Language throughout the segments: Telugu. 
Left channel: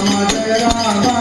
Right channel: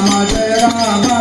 Rama Jaya Rama.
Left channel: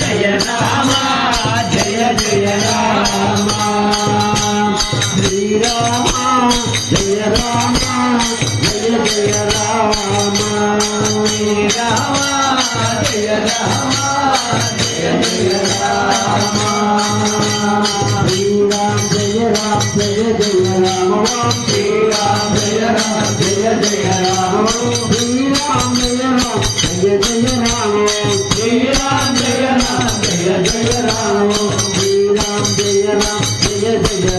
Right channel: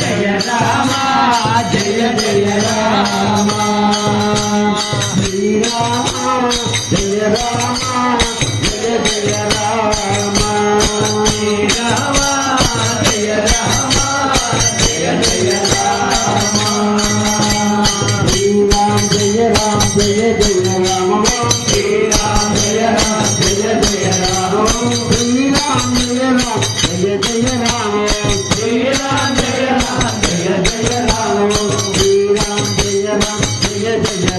Jaya Rama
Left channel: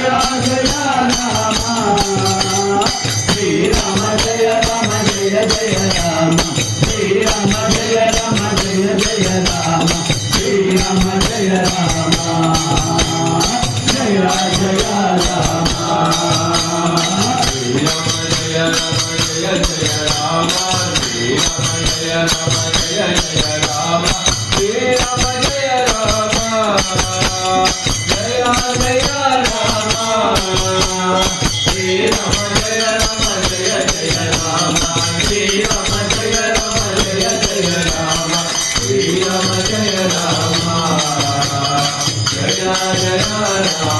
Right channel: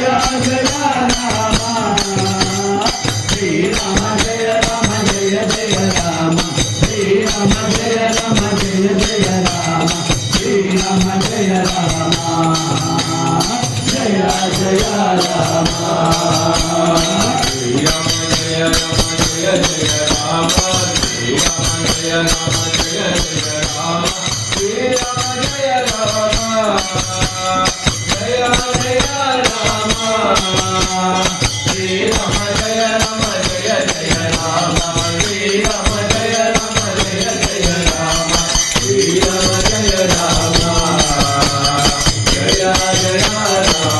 Jaya Rama Jaya Jaya Rama Jaya Jaya Rama Jaya Jaya Hare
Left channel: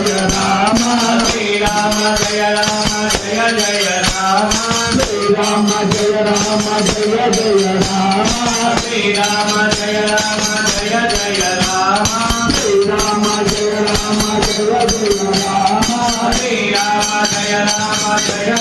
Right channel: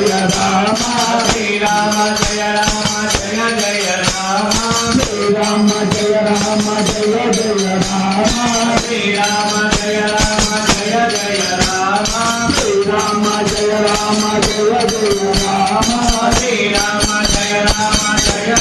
Srirama Jaya Rama Jaya